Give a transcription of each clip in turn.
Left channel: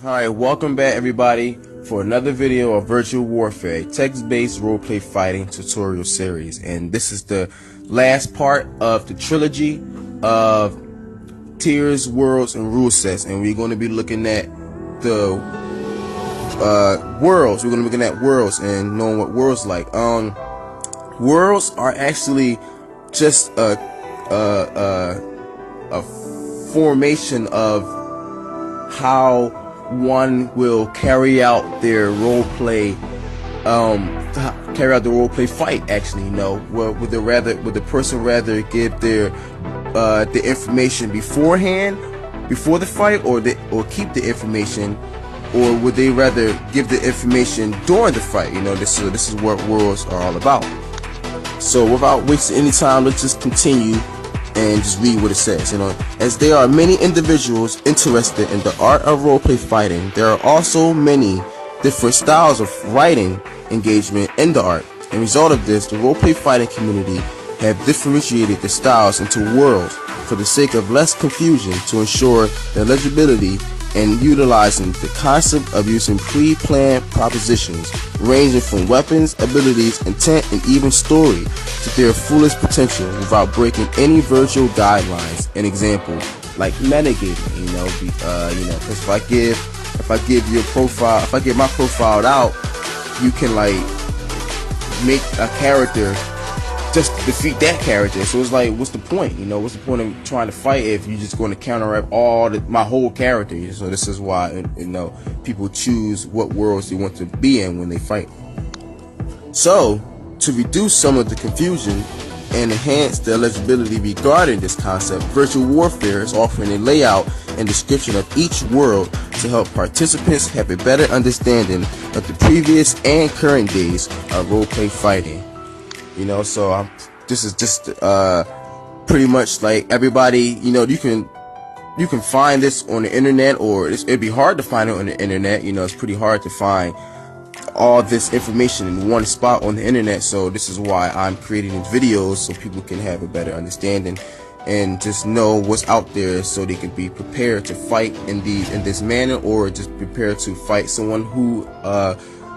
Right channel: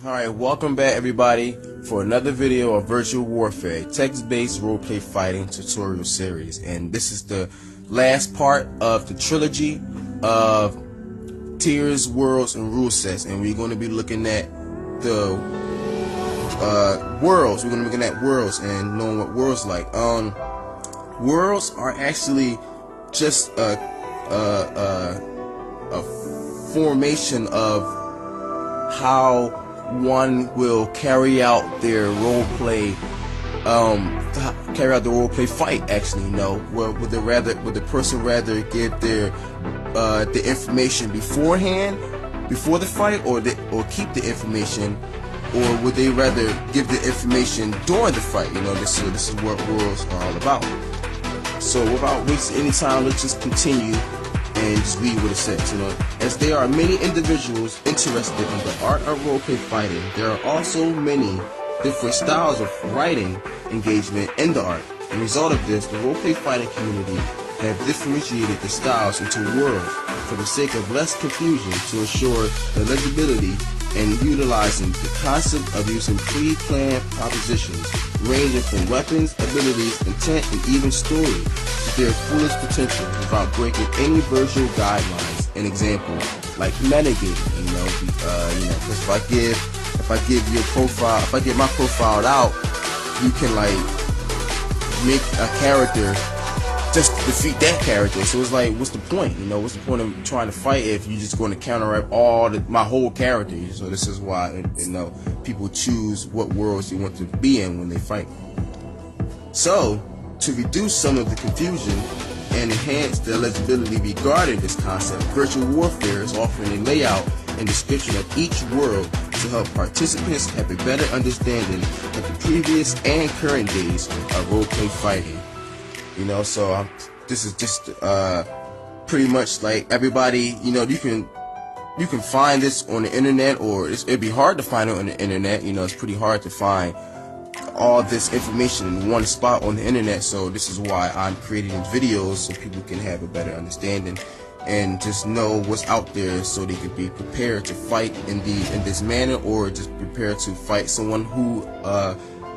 Hi, welcome back everybody for another video of Virtual Warfare, text-based roleplay fighting tutorial series. And this is the last part of the trilogy of tiers, worlds, and rule sets. And we're going to be looking at the worlds. We're going to be looking at worlds and knowing what worlds like. Worlds are actually just a formation of how one will carry out their role play, fight. Actually, would the person rather give the information beforehand, before the fight, or keep the information, or would they rather give the information during the fight? This is what worlds are all about. So without wasting any time, let's just continue and just read what it says. As there are many individuals interested in the art of roleplay fighting, there are also many different styles of writing engagement in the art. As a result of this, the roleplay fighting community have differentiated the styles into worlds for the sake of less confusion, to ensure their legibility, and utilizing the concept of using pre-planned propositions ranging from weapons, abilities, intent, and even story to their fullest potential without breaking any virtual guidelines. An example, like metagaming, because if I give you a profile, if I get my profile out, you can make a character just defeat that character. So it's like, what's the point? What's the point of trying to fight if you're just going to counteract my whole character? So this is why, people choose what worlds they want to be in when they fight. So to reduce some of the confusion and enhance the legibility regarding this concept, Virtual Warfare is offering a layout and description of each world to help participants have a better understanding of the previous and current days of roleplay fighting. So this is just pretty much like everybody, you can find this on the internet, or it'd be hard to find it on the internet. It's pretty hard to find all this information in one spot on the internet. So this is why I'm creating these videos, so people can have a better understanding and just know what's out there, so they can be prepared to fight in this manner, or just prepared to fight someone who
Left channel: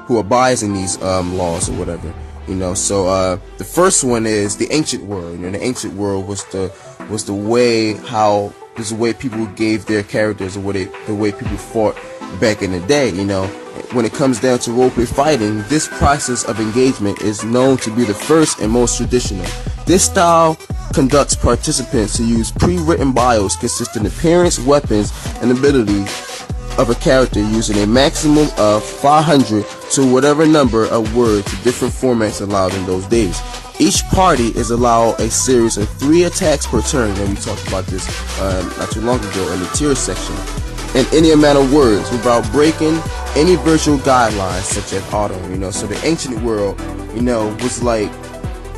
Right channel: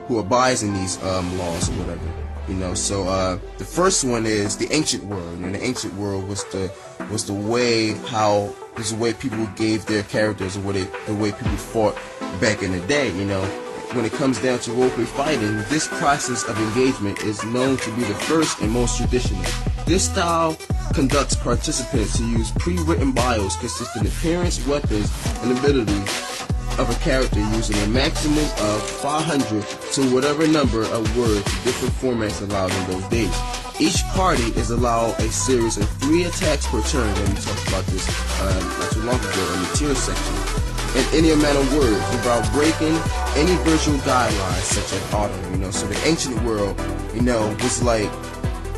abides in these laws or whatever. So the first one is the ancient world. And the ancient world was the way people gave their characters, or the way people fought back in the day. When it comes down to roleplay fighting, this process of engagement is known to be the first and most traditional. This style conducts participants to use pre-written bios consisting of appearance, weapons, and abilities of a character, using a maximum of 500 to whatever number of words to different formats allowed in those days. Each party is allowed a series of 3 attacks per turn, and we talked about this not too long ago in the tier section, and any amount of words without breaking any virtual guidelines such as auto. So the ancient world, was like,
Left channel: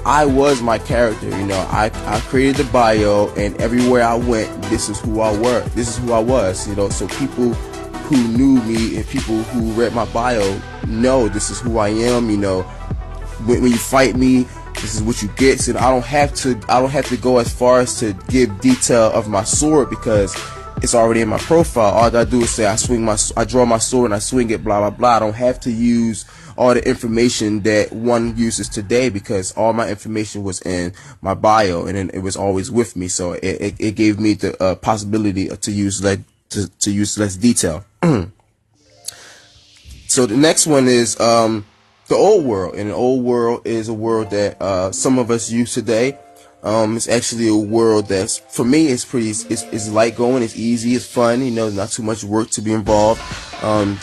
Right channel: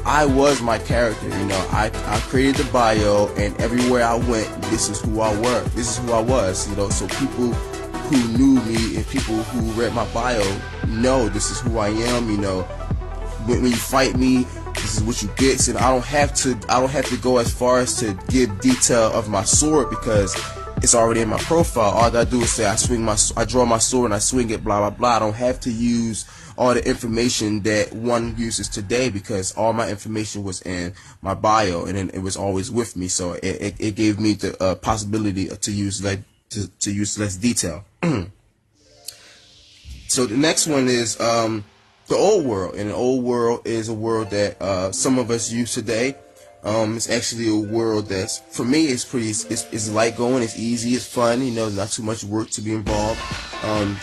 I was my character. I created the bio, and everywhere I went, this is who I was. So people who knew me and people who read my bio know this is who I am. When you fight me, this is what you get. So I don't have to go as far as to give detail of my sword, because it's already in my profile. All I gotta do is say I draw my sword and I swing it, blah blah blah. I don't have to use all the information that one uses today, because all my information was in my bio, and then it was always with me. So it gave me the possibility to use less detail. So the next one is the old world, and the old world is a world that some of us use today. It's actually a world that's, for me, it's light going, it's easy, it's fun, not too much work to be involved.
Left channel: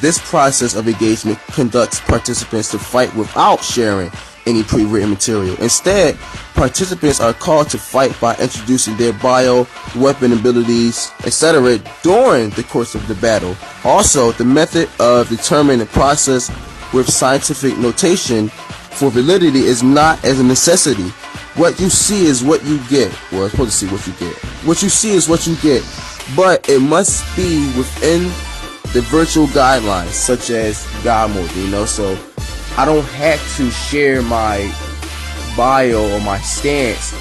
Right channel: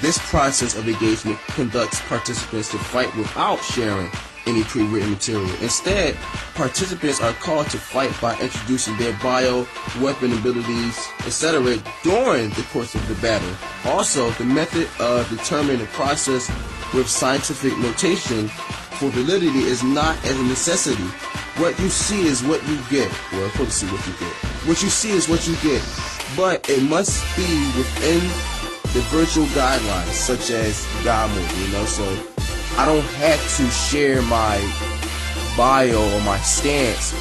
This process of engagement conducts participants to fight without sharing any pre-written material. Instead, participants are called to fight by introducing their bio, weapon abilities, etc. during the course of the battle. Also, the method of determining the process with scientific notation for validity is not as a necessity. What you see is what you get. Well, it's supposed to see what you get. What you see is what you get, but it must be within the virtual guidelines, such as God mode. So I don't have to share my bio or my stance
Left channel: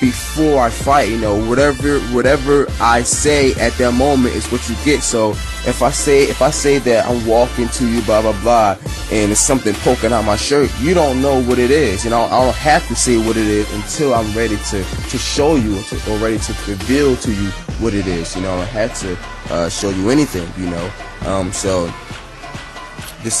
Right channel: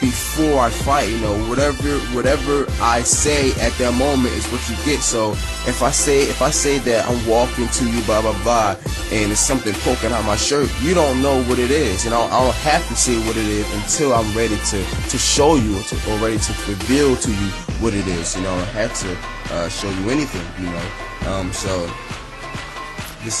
before I fight. Whatever I say at that moment is what you get. So if I say that I'm walking to you, blah blah blah, and there's something poking out my shirt, you don't know what it is. You know, I don't have to say what it is until I'm ready to show you or ready to reveal to you what it is. You know, I don't have to show you anything. You know, so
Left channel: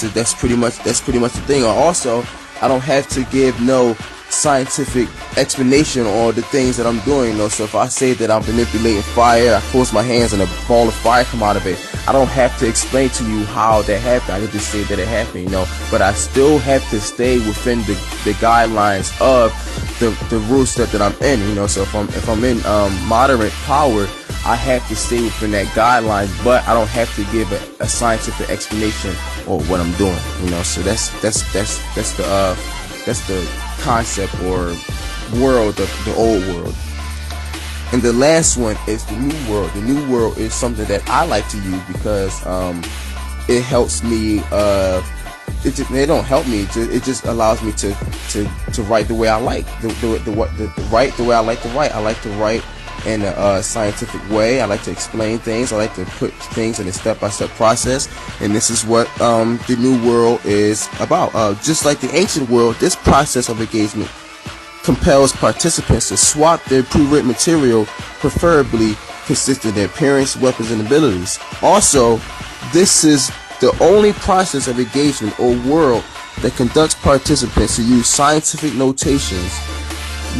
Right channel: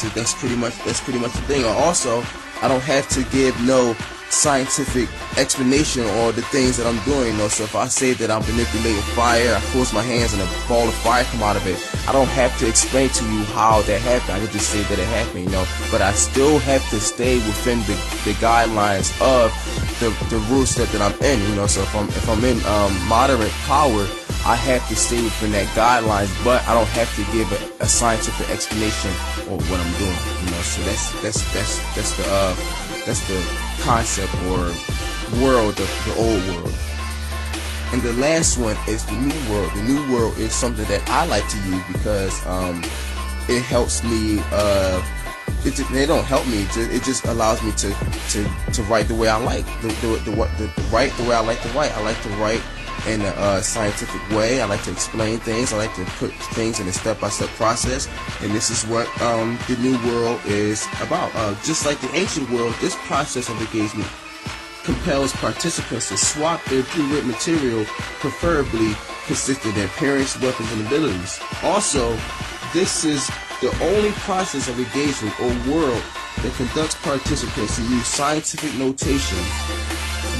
that's pretty much the thing. Also, I don't have to give no scientific explanation on the things that I'm doing. You know, so if I say that I'm manipulating fire, I close my hands and a ball of fire come out of it, I don't have to explain to you how that happened. I can just say that it happened, you know. But I still have to stay within the guidelines of the rule set that I'm in, you know. So if I'm in moderate power, I have to stay within that guidelines, but I don't have to give a scientific explanation on what I'm doing, you know. So that's the concept or world of the old world. And the last one is the new world. The new world is something that I like to use because it helps me. It don't help me. It just allows me to write the way I like. Write the way I like to write. I like to write in a scientific way. I like to explain things. I like to put things in a step-by-step process. And this is what the new world is about. Just like the ancient world, this process of engagement compels participants to swap their pre-written material, preferably consistent of their appearance, weapons, and abilities. Also, this is the only process of engagement or world that conducts participants to use scientific notations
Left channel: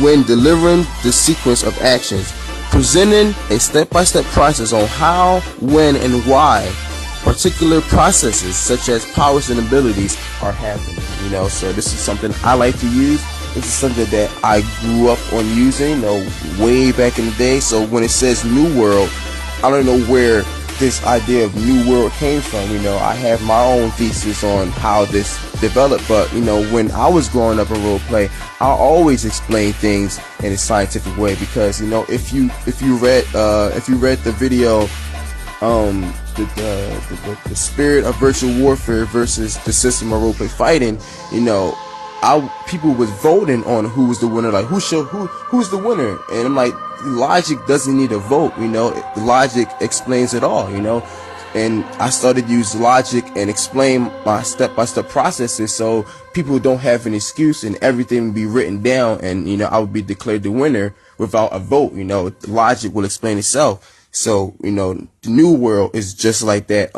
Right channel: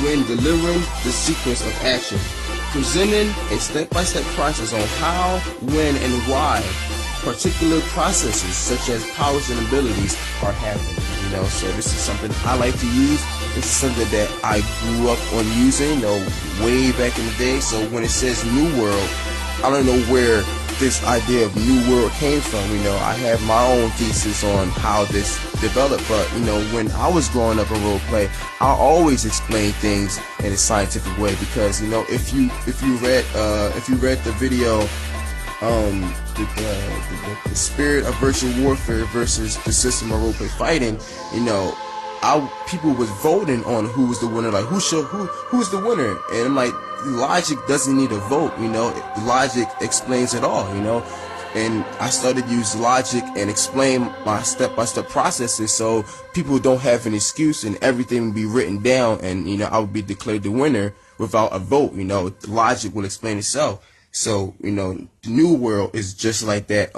when delivering the sequence of actions, presenting a step-by-step process on how, when, and why particular processes such as powers and abilities are happening. You know, so this is something I like to use. This is something that I grew up on using, you know, way back in the day. So when it says New World, I don't know where this idea of New World came from. You know, I have my own thesis on how this developed, but you know, when I was growing up in roleplay, I always explain things in a scientific way because, you know, if you read the video, the spirit of virtual warfare versus the system of roleplay fighting, you know, people was voting on who was the winner, like who's the winner, and I'm like, logic doesn't need a vote, you know, logic explains it all, you know. And I started to use logic and explain my step-by-step processes so people don't have an excuse and everything would be written down and, you know, I would be declared the winner without a vote, you know. Logic will explain itself. So, you know, the new world is just like that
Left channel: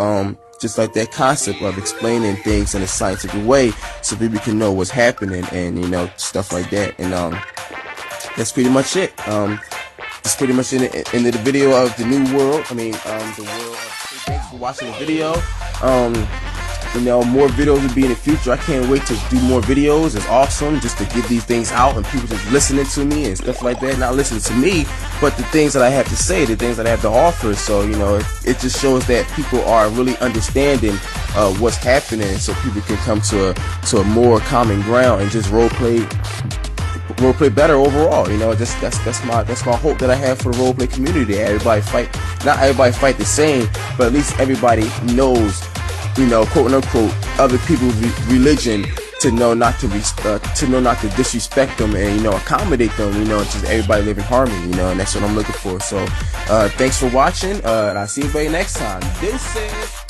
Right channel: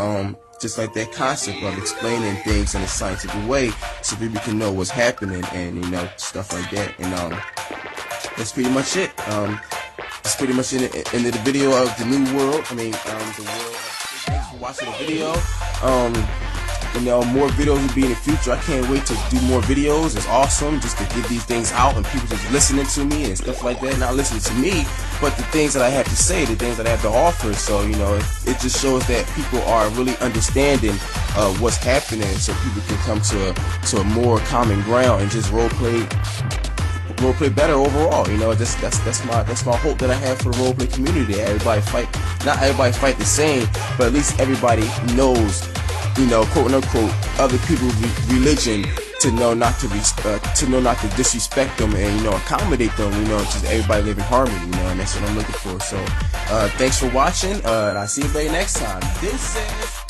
concept of explaining things in a scientific way so people can know what's happening and, you know, stuff like that. And that's pretty much it. It's pretty much in the video of the new world. I mean, the world. Thanks for watching the video. You know, more videos will be in the future. I can't wait to do more videos. It's awesome just to get these things out and people just listening to me and stuff like that. Not listening to me, but the things that I have to say, the things that I have to offer. So, you know, it just shows that people are really understanding what's happening, so people can come to a more common ground and just roleplay better overall. You know, that's my hope that I have for the roleplay community. Not everybody fight the same, but at least everybody knows, you know, quote unquote, other people's religion, to know not to disrespect them and, you know, accommodate them, you know, just everybody live in harmony, you know, and that's what I'm looking for. So thanks for watching, and I'll see you next time. This is